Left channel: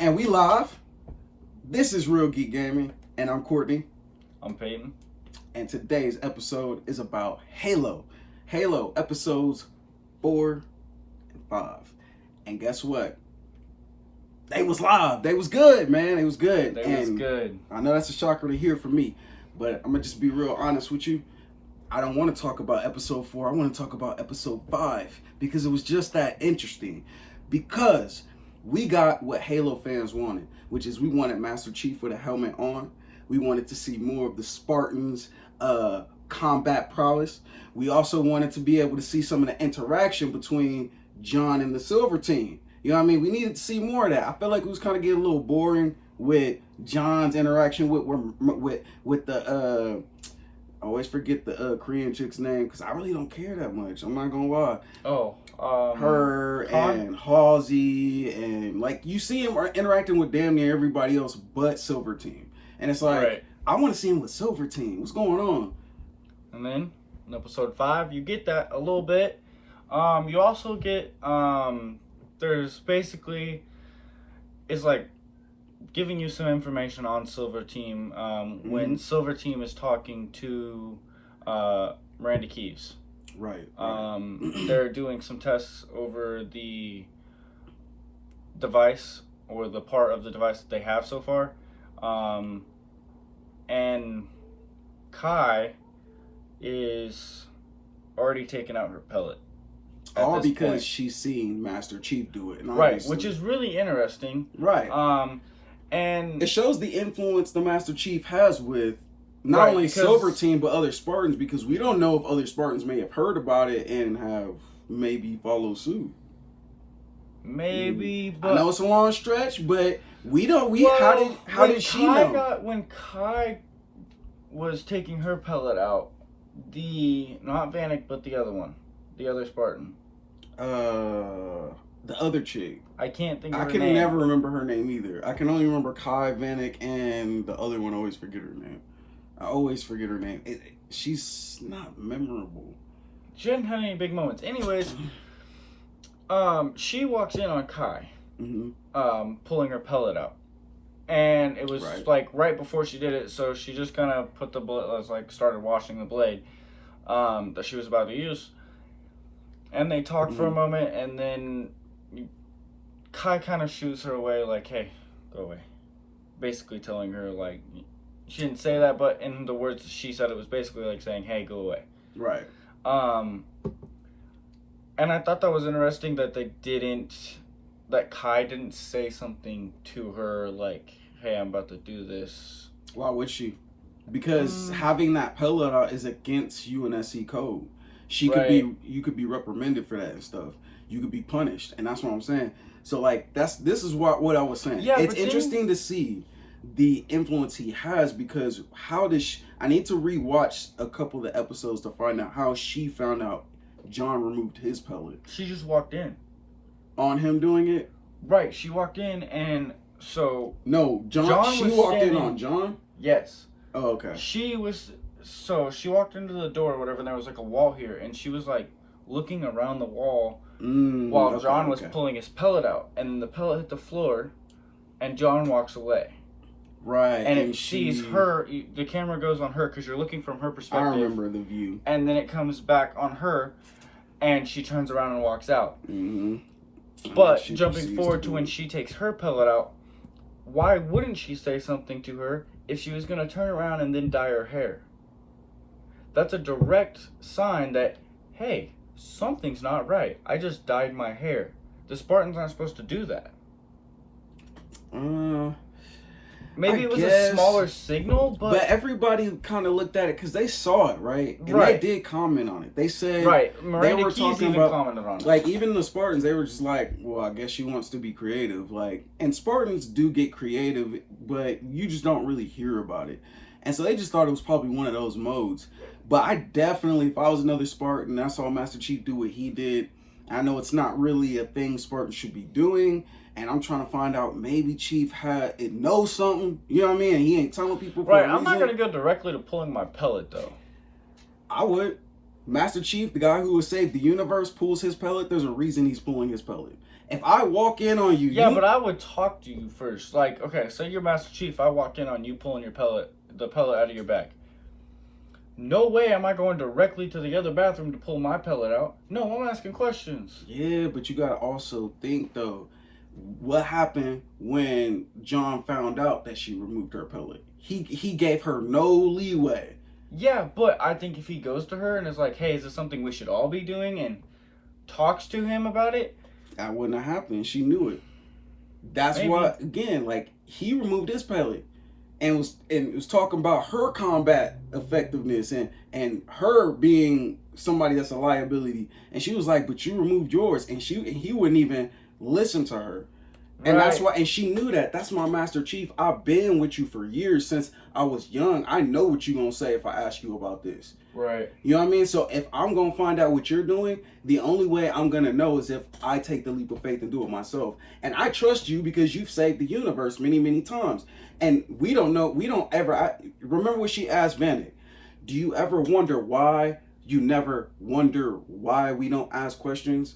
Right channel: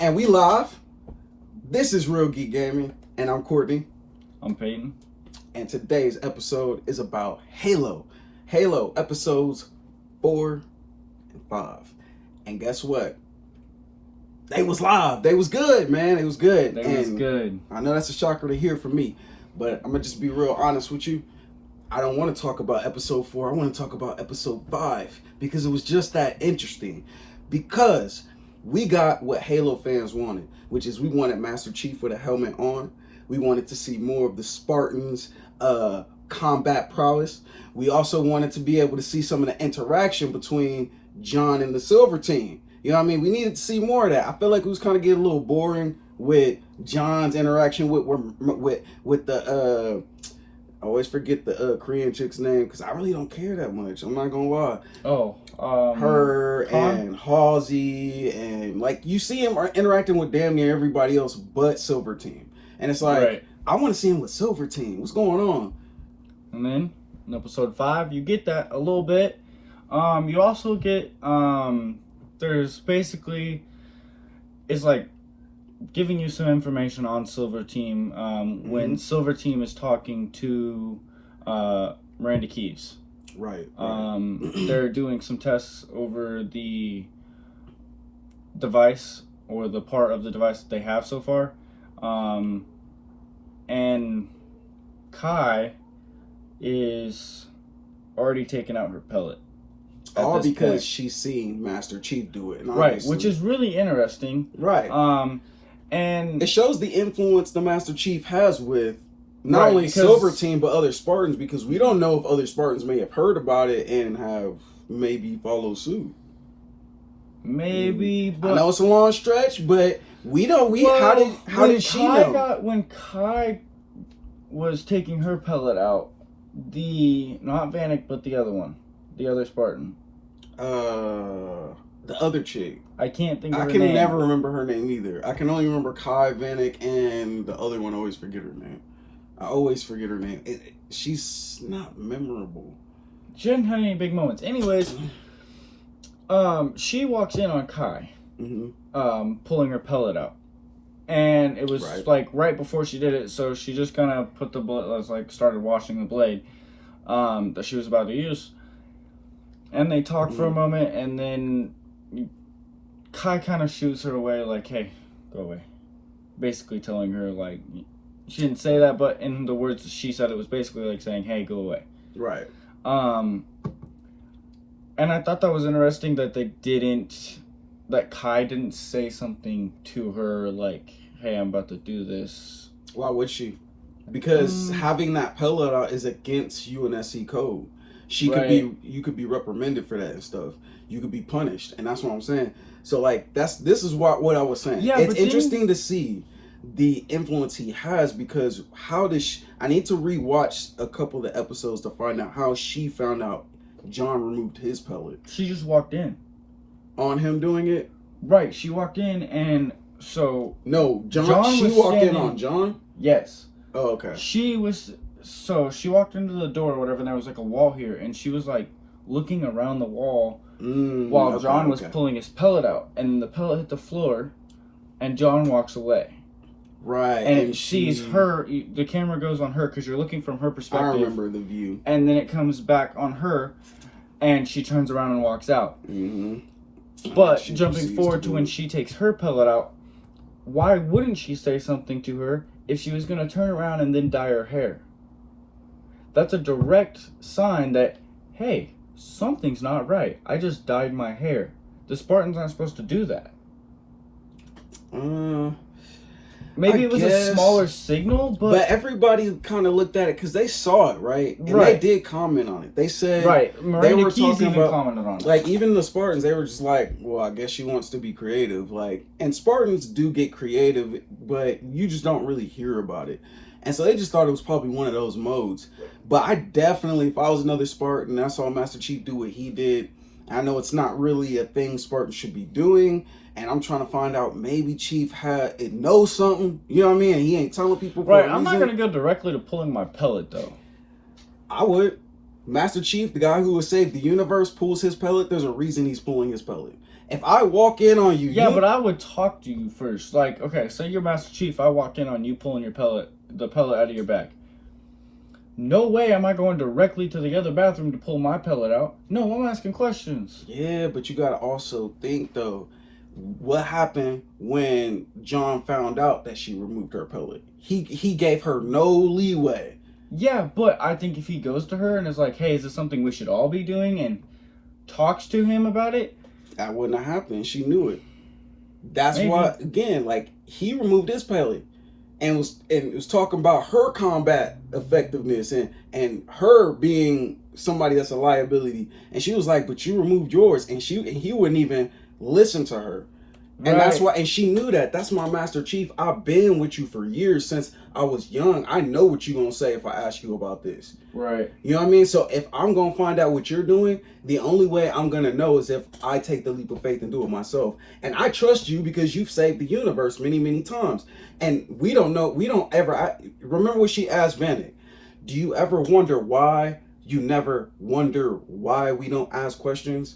And we live. This is Real Geek Gaming, and I'm Courtney. I'm Peyton. And today's episode is about Halo. Halo episodes 4 and 5. And guess what? They was live. They was good, man. It was good. They was good. I know that's a shocker to hear from me, but I'm gonna just be real honest with you. I don't want to talk about episode 4. I want to talk about episode 5 because it was just that interesting. Because we got what Halo fans wanted, which is we wanted Master Chief with a helmet on. We wanted to see more of the Spartans' combat prowess. We also wanted to be able to see some of the interaction between John and the Silver Team. You know what I mean? We needed to see more of that. I feel like it was kind of getting a little boring with John's interaction with the I always forget the Korean chick's name because I really don't care that much. I'm not gonna lie. Her and Halsey, and like you see him interacting with damn near everybody else but Silver Team, and it's like right. I want to see him with Silver Team. What's going on? And then in episode 5, you get that a little bit. You also get there's basically it's like giving you some information on Silver Team when Silver Team is talking to Miranda Keyes. Right. They're doing some tests over the device or the part of the device that they have so far. And Kai is already taking out her pellet. All because she's seen Master Chief do it. Right, which is really interesting. Right. And it shows the influence the Master Chief has with not only Silver Team but other Spartans, because we don't know if other Spartans may have heard about it and have maybe followed suit. Maybe, but I know it's a long stretch, but we don't. How did she know? When Kai was taking her pellet out, not Vanek, but the other one, the other Spartan. The other chick. I can't think of her name. I can never remember her name either. I can only remember Kai, Vanek, and the other one. I always forget her name. She's not memorable. She didn't have any big moments. Anyways, she walks in on Kai, pulling her pellet out. And it was like right before she did it, so she just kind of put the blade, started washing the blade that she was about to use. And they talk for a moment, and then Kai kind of shoots her away, like, hey, go away. Basically telling her, like, she didn't say that, but in the words that she said, it was basically like saying, hey, go away. Right. And I thought that was interesting that that Kai didn't say something to her like, hey, I'm about to do this. Why would she? Because having that pellet out is against UNSC code. You could be reprimanded for that and stuff. You could be punished, and that's what I'm saying. So like this is what I was saying. Yeah, it's interesting to see the influence he has, because I need to rewatch a couple of the episodes to find out how she found out John removed his pellet. She just walked in on him doing it. Right, she walked in, and so no, she walked in on John. Yes. Oh, okay. She walked into the door or whatever, and there was like a wall here, and she was like looking around the wall while John was pulling his pellet out, and the pellet hit the floor, and John walks away. Right. And it sees her, the camera goes on her because you're looking from her perspective. I remember the view. And then it comes back on her, and she turns around and walks out. But jumping forward to when she takes her pellet out, why wouldn't she say something to her if she was going to turn around and then dye her hair? That's a direct sign that, hey, something's not right. I just dyed my hair. The Spartans aren't supposed to do that. Maybe it was a smaller signal, but everybody kind of looked at it because they saw it, right? And they did comment on it. They said Miranda Keyes even commented on it. Like even the Spartans, they were just like, "Well, I guess she wants to be creative." Like, and Spartans do get creative, but you just don't really hear about it. And so they just thought it was probably one of those modes. But I definitely, if I was another Spartan and I saw Master Chief do what he did, I know it's not really a thing Spartans should be doing. And I'm trying to find out, maybe Chief knows something. You know what I mean? He ain't telling people for a reason. I'm not going to go directly to pulling my pellet, though. I would. Master Chief, the guy who has saved the universe, pulls his pellet. There's a reason he's pulling his pellet. If I walk in on you, yeah, but I would talk to you first. Like, okay, say you're Master Chief. I walk in on you pulling the pellet out of your back. No way am I going directly to the other bathroom to pull my pellet out. No, I'm asking questions. Yeah, but you gotta also think though, what happened when John found out that she removed her pellet? He gave her no leeway. Yeah, but I think if he goes to her and is like, hey, is this something we should all be doing, and talks to him about it, that wouldn't have happened. She knew it. That's maybe. why, again, like, he removed his pellet and was talking about her combat effectiveness and her being somebody that's a liability. And she was like, but you removed yours, and he wouldn't even listen to her. And Right. that's why, and she knew that. That's my Master Chief. I've been with you for years since I was young. I know what you're gonna say if I ask you about this. Right. You know what I mean? So if I'm gonna find out what you're doing, the only way I'm gonna know is if I take the leap of faith and do it myself. And I trust you because you've saved the universe many, many times. And we don't ever. Remember what she asked Vanek? Do you ever wonder why you never wonder why we don't ask questions?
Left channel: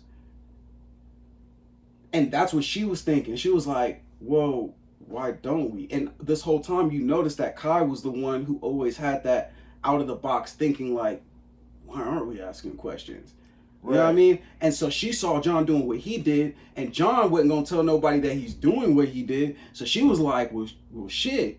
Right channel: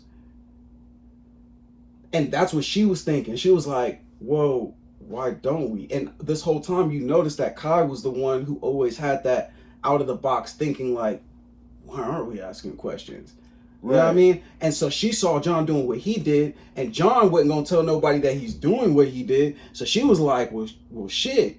And that's what she was thinking. She was like, whoa, why don't we? And this whole time you notice that Kai was the one who always had that out of the box thinking, like, why aren't we asking questions? You know what I mean? And so she saw John doing what he did, and John wasn't gonna tell nobody that he's doing what he did. So she was like, well shit,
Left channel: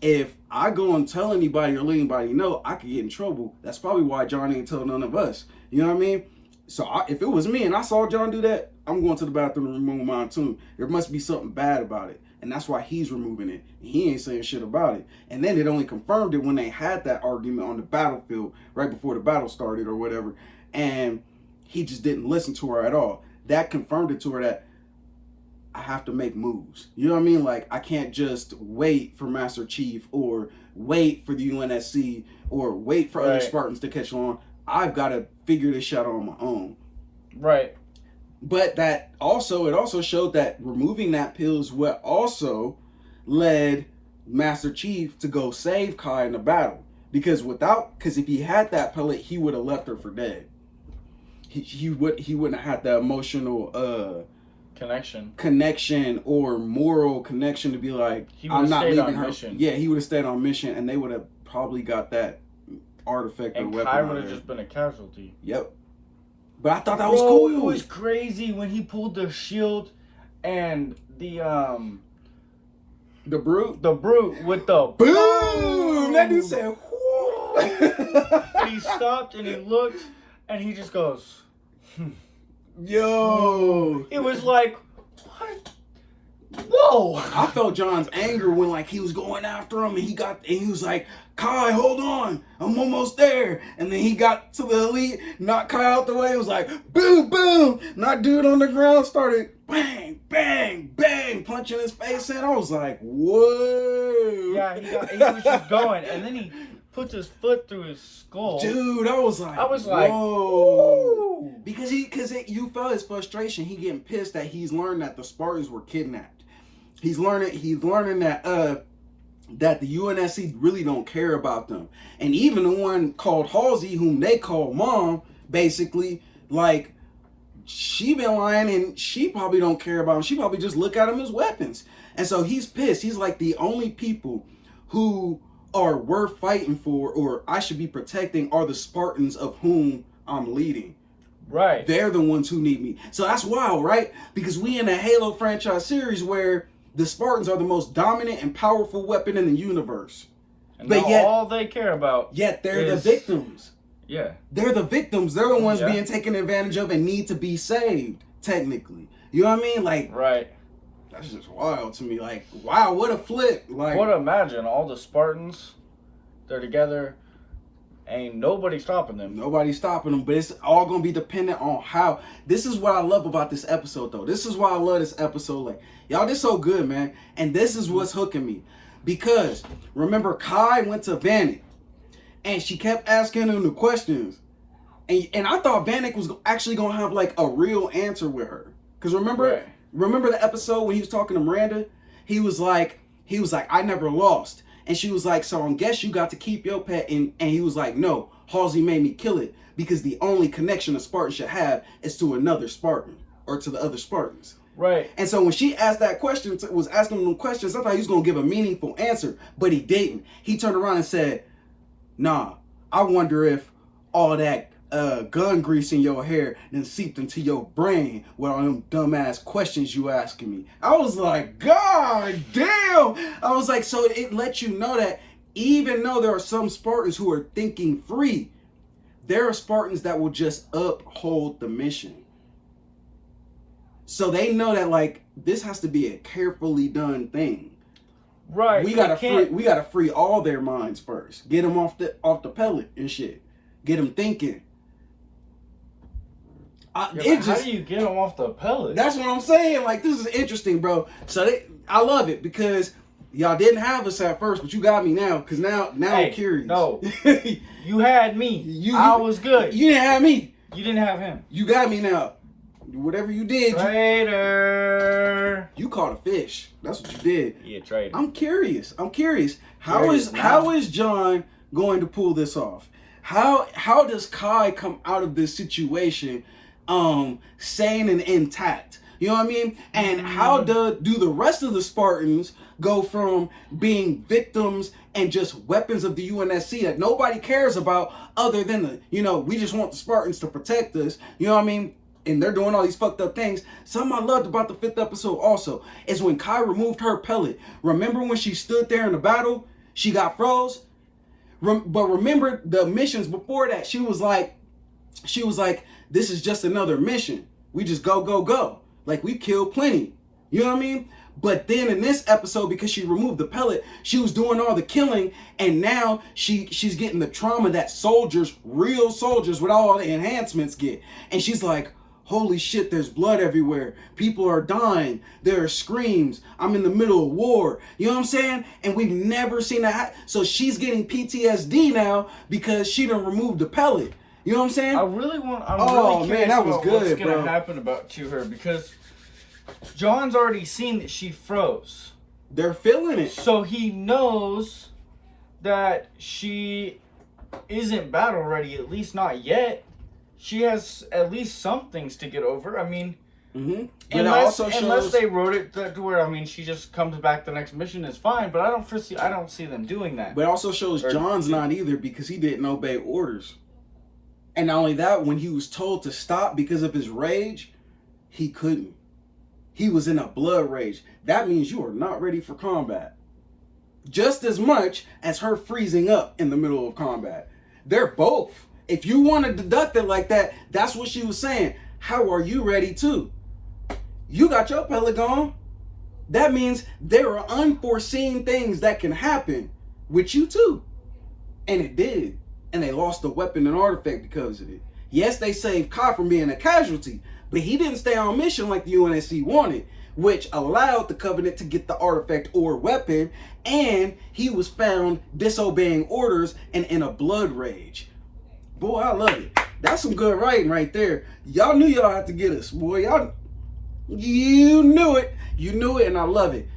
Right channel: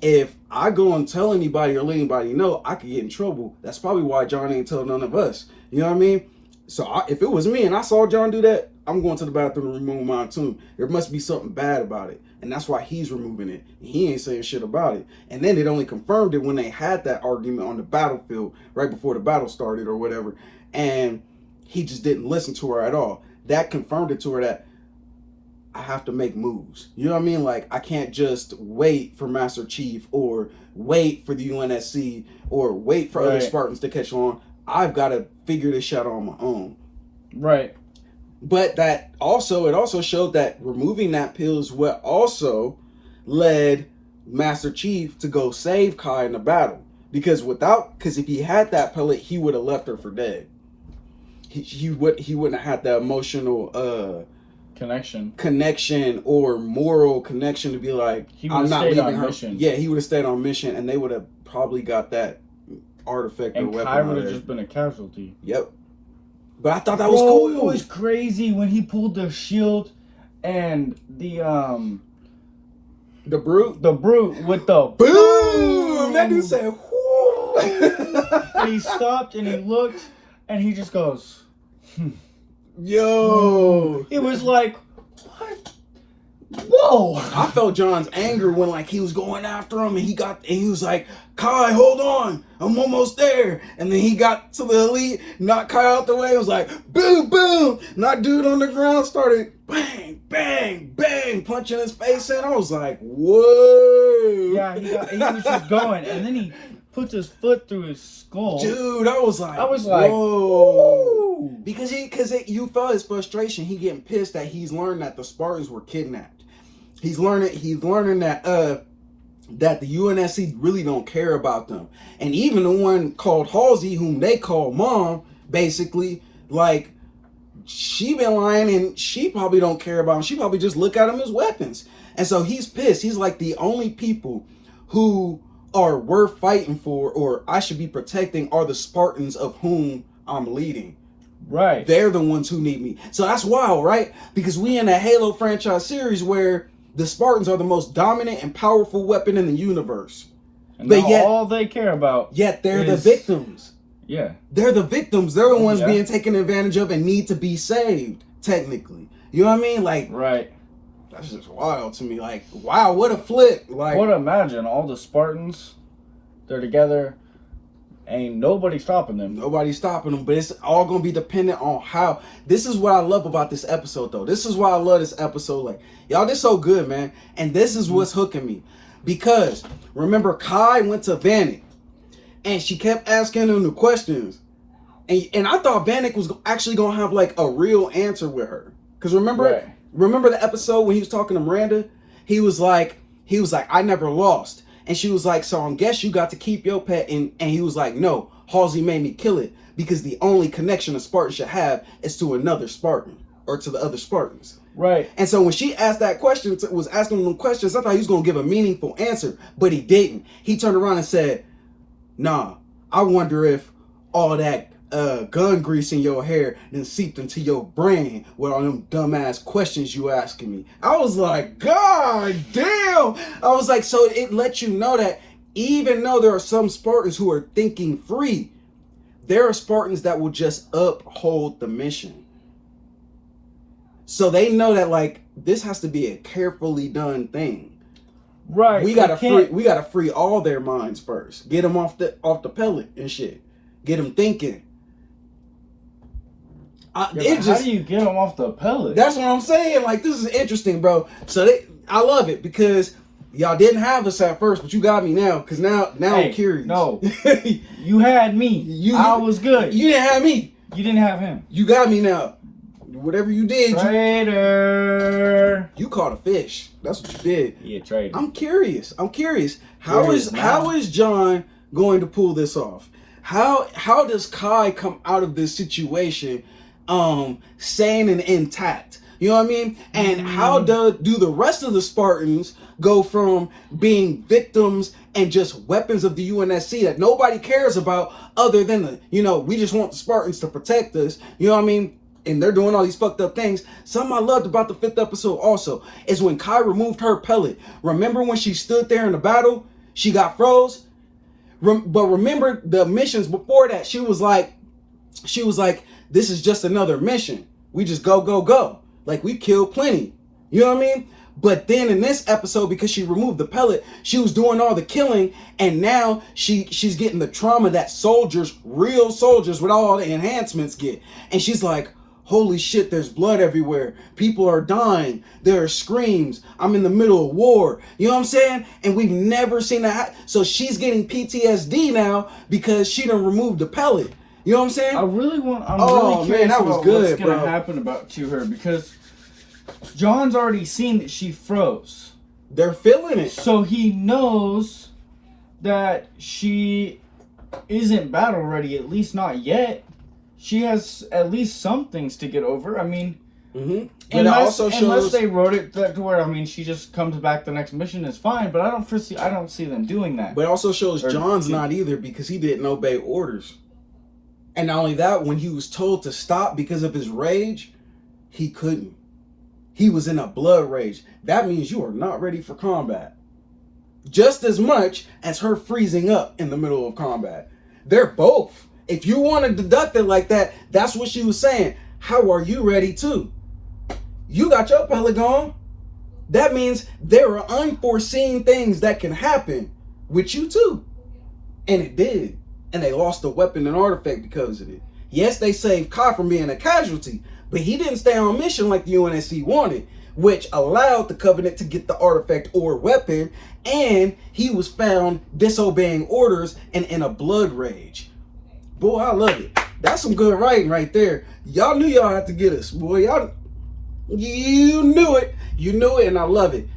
if I go and tell anybody or let anybody know, I could get in trouble. That's probably why John ain't tell none of us. You know what I mean? So if it was me and I saw John do that, I'm going to the bathroom to remove mine too. There must be something bad about it. And that's why he's removing it. And he ain't saying shit about it. And then it only confirmed it when they had that argument on the battlefield right before the battle started or whatever. And he just didn't listen to her at all. That confirmed it to her that I have to make moves. You know what I mean? Like, I can't just wait for Master Chief or wait for the UNSC or wait for other Spartans to catch on. I've got to figure this shit out on my own. Right. But it also showed that removing that pill is what also led Master Chief to go save Kai in the battle. Because if he had that pellet, he would have left her for dead. He wouldn't have had the emotional connection or moral connection to be like, I'm not leaving her. Mission. Yeah, he would have stayed on mission, and they would have probably got that artifact or weapon. And Kai would have just been a casualty. Yep. But I thought that was cool. It was crazy when he pulled the shield and the brute with the boom. That dude said, and he stopped and he looked and he just goes, yo. It was like, what? Whoa. I felt John's anger when like he was going after him and he was like, Kai, hold on, I'm almost there. And then he got to the elite, knocked Kai out the way. It was like, boom, boom. Knocked dude on the ground, started bang, bang, bang, punching his face in. I was like, whoa. Yeah, he was just going. And then he puts his foot through his skull. Dude, I was like, whoa. Because you felt his frustration. He getting pissed that he's learned that the Spartans were kidnapped. He's learning that that the UNSC really don't care about them. And even the one called Halsey, whom they call Mom, basically, like, she been lying and she probably don't care about them. She probably just look at them as weapons. And so he's pissed. He's like, the only people who are worth fighting for or I should be protecting are the Spartans of whom I'm leading. Right. They're the ones who need me. So that's wild, right? Because we in a Halo franchise series where the Spartans are the most dominant and powerful weapon in the universe. And but yet, all they care about. Yet they're the victims. Yeah. They're the victims. They're the ones being taken advantage of and need to be saved, technically. You know what I mean? Like, right. That's just wild to me. Like, wow, what a flip. Like, what imagine all the Spartans, they're together. Ain't nobody stopping them. Nobody's stopping them, but it's all going to be dependent on how. This is what I love about this episode, though. This is why I love this episode. Like, y'all, this so good, man. And this is what's hooking me. Because, remember, Kai went to Vanek, and she kept asking him the questions. And I thought Vanek was actually going to have, like, a real answer with her. Because remember the episode when he was talking to Miranda? He was like, I never lost. And she was like, so I guess you got to keep your pet. And he was like, no, Halsey made me kill it because the only connection a Spartan should have is to another Spartan or to the other Spartans. Right. And so when she asked that question, was asking them questions, I thought he was going to give a meaningful answer, but he didn't. He turned around and said, nah, I wonder if all that gun grease in your hair then seeped into your brain with all them dumbass questions you asking me. I was like, God damn. I was like, so it lets you know that even though there are some Spartans who are thinking free, there are Spartans that will just uphold the mission. So they know that like this has to be a carefully done thing. Right. We gotta free all their minds first. Get them off the pellet and shit. Get them thinking. How do you get them off the pellet? That's what I'm saying. Like, this is interesting, bro. So I love it because y'all didn't have us at first, but you got me now. Because now I'm curious. No, you had me. I was good. You didn't have me. You didn't have him. You got me now. Whatever you did, traitor. You caught a fish. That's what you did. Yeah, traitor. I'm curious. How is John going to pull this off? How does Kai come out of this situation sane and intact? You know what I mean? And how do the rest of the Spartans go from being victims and just weapons of the UNSC that nobody cares about other than we just want the Spartans to protect us. You know what I mean? And they're doing all these fucked up things. Something I loved about the 5th episode also is when Kai removed her pellet. Remember when she stood there in the battle? She got froze. But remember the missions before that? She was like, this is just another mission. We just go. Like, we killed plenty. You know what I mean? But then in this episode, because she removed the pellet, she was doing all the killing, and now she's getting the trauma that real soldiers with all the enhancements get. And she's like, holy shit, there's blood everywhere. People are dying. There are screams. I'm in the middle of war. You know what I'm saying? And we've never seen that. So she's getting PTSD now because she done removed the pellet. You know what I'm saying? I'm really curious that was about good, what's going to happen to her, because John's already seen that she froze. They're feeling it. So he knows that she isn't battle ready, at least not yet. She has at least some things to get over. I mean, unless they wrote it to where, she just comes back the next mission is fine, but I don't see them doing that. But it also shows John's not either, because he didn't obey orders. And not only that, when he was told to stop because of his rage, he couldn't. He was in a blood rage. That means you are not ready for combat. Just as much as her freezing up in the middle of combat. They're both. If you want to deduct it like that, that's what she was saying. How are you ready too? You got your pellet gone. That means there are unforeseen things that can happen with you too. And it did. And they lost the weapon and artifact because of it. Yes, they saved Kai from being a casualty, but he didn't stay on mission like the UNSC wanted, which allowed the Covenant to get the artifact or weapon, and he was found disobeying orders and in a blood rage. Boy, I love it. That's some good writing right there. Y'all knew y'all had to get us, boy. You knew it. You knew it, and I love it.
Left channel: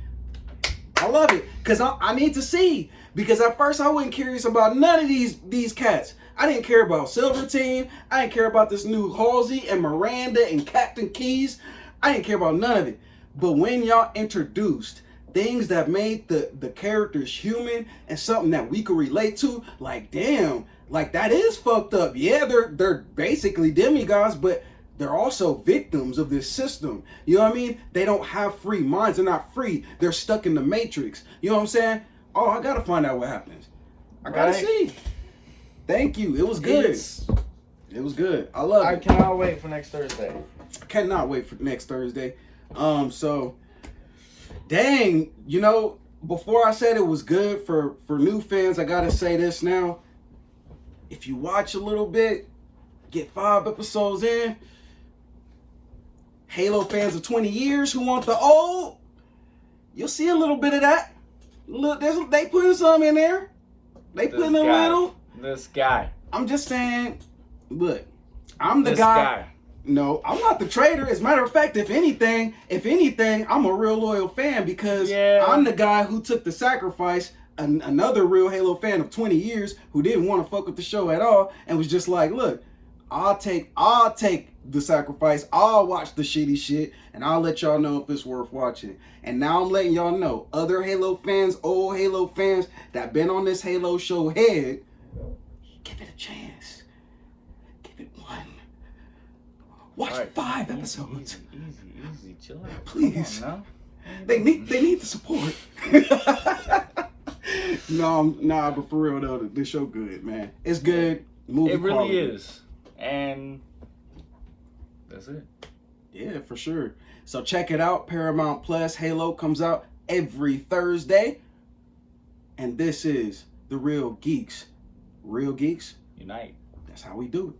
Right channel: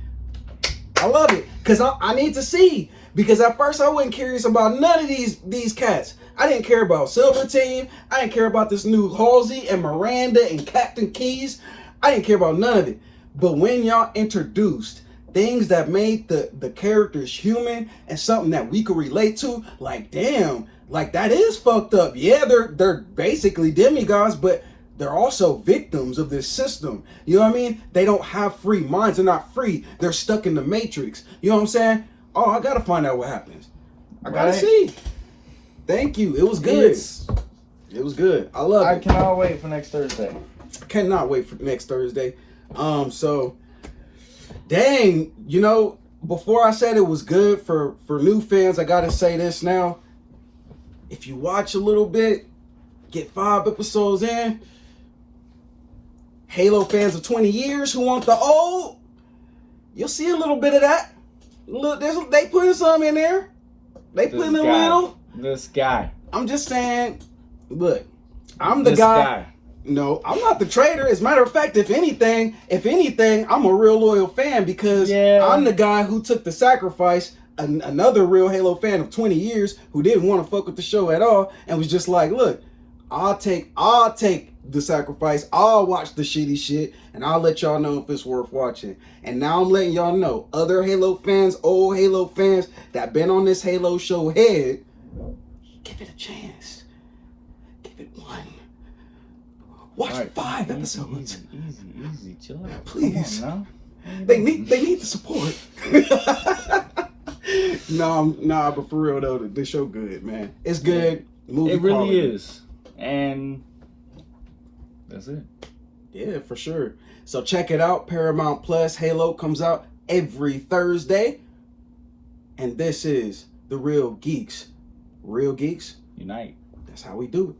I love it, because I need to see. Because at first I wasn't curious about none of these cats. I didn't care about Silver Team. I didn't care about this new Halsey and Miranda and Captain Keys. I didn't care about none of it. But when y'all introduced things that made the characters human and something that we could relate to, like, damn, like, that is fucked up. Yeah, they're basically demigods, but they're also victims of this system. You know what I mean? They don't have free minds. They're not free. They're stuck in the matrix. You know what I'm saying? Oh, I gotta find out what happens. I gotta see. Thank you. It was good. It was good. I love it. I cannot wait for next Thursday. Cannot wait for next Thursday. So, dang, before I said it was good for new fans, I gotta say this now. If you watch a little bit, get 5 episodes in, Halo fans of 20 years who want the old, you'll see a little bit of that. Look, they putting some in there. They putting a little. This guy. I'm just saying, look, I'm the guy. No, I'm not the traitor. As a matter of fact, if anything, I'm a real loyal fan, because I'm the guy who took the sacrifice. Another real Halo fan of 20 years who didn't want to fuck with the show at all and was just like, look, I'll take the sacrifice. I'll watch the shitty shit, and I'll let y'all know if it's worth watching. And now I'm letting y'all know, other Halo fans, old Halo fans that been on this Halo show head, give it a chance. Give it one. Watch 5 episodes. Easy, chill out. Please. Come on now. They need the support. Nah, but for real though, the show good, man. It's good. Movie it really quality. is. And that's it. Yeah, for sure. So check it out. Paramount Plus Halo comes out every Thursday. And this is The Real Geeks. Real Geeks Unite. That's how we do it.